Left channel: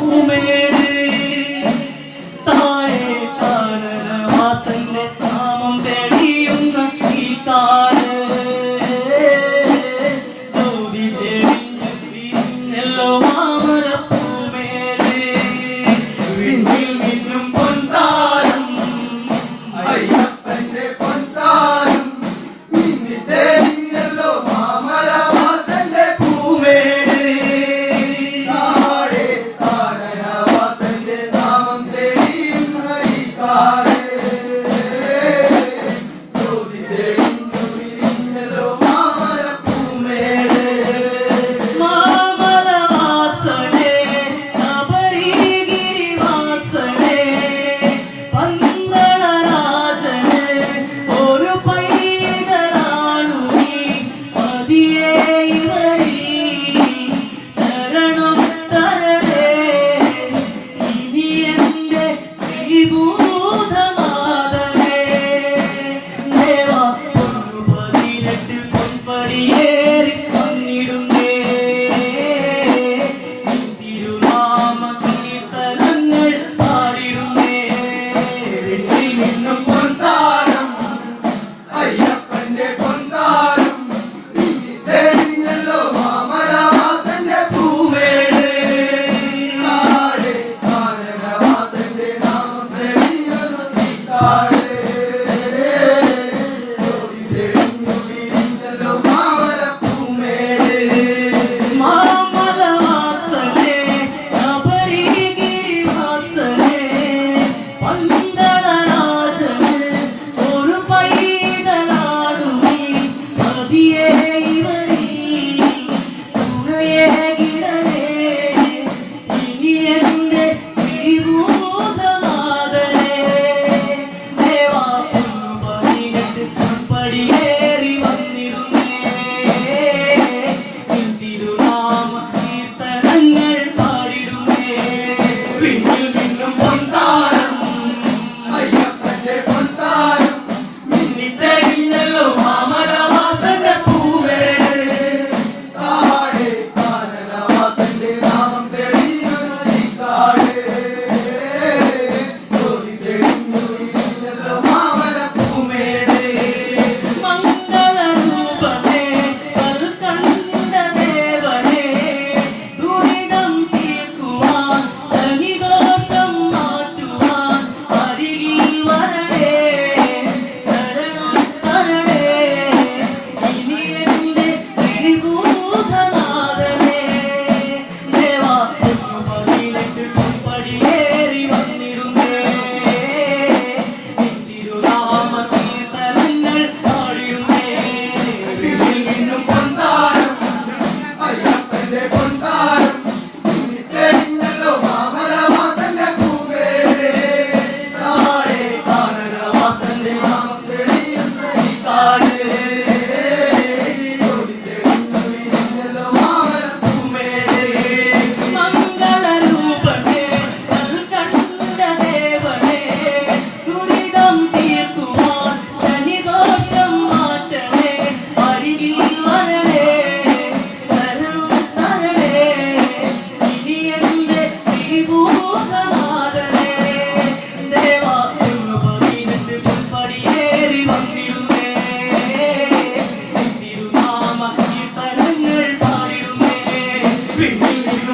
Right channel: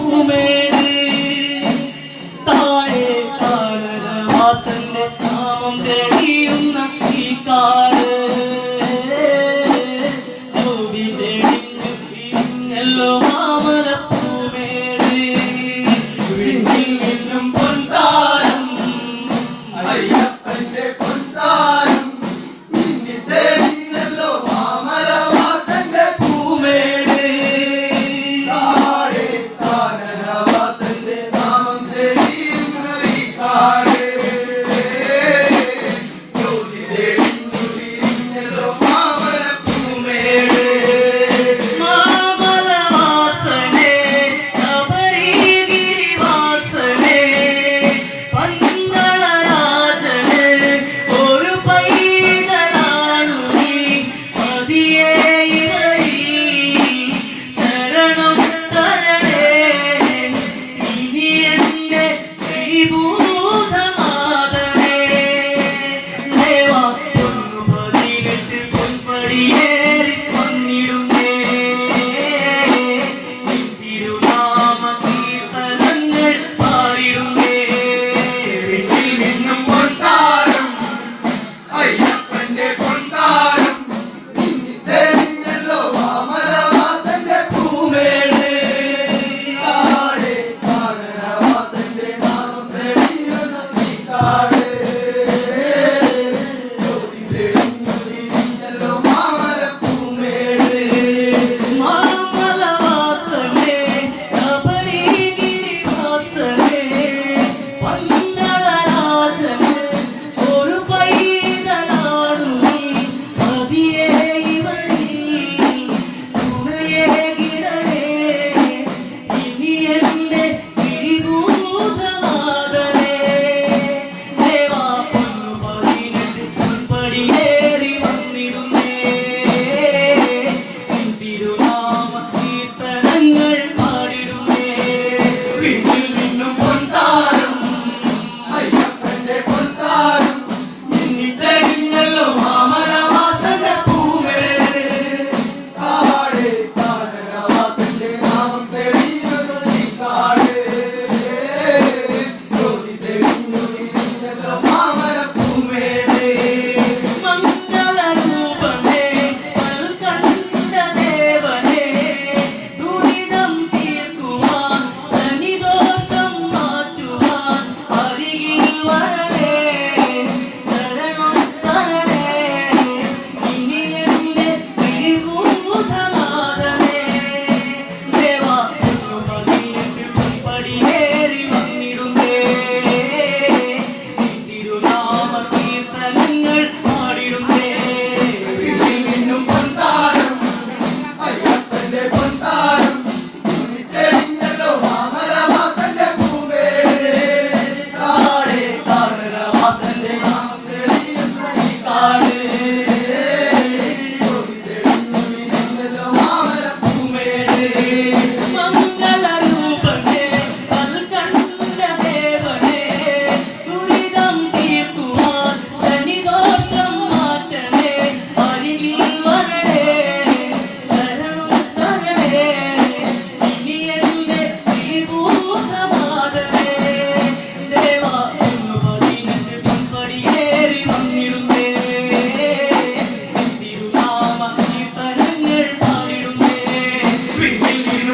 perfume. Sunday.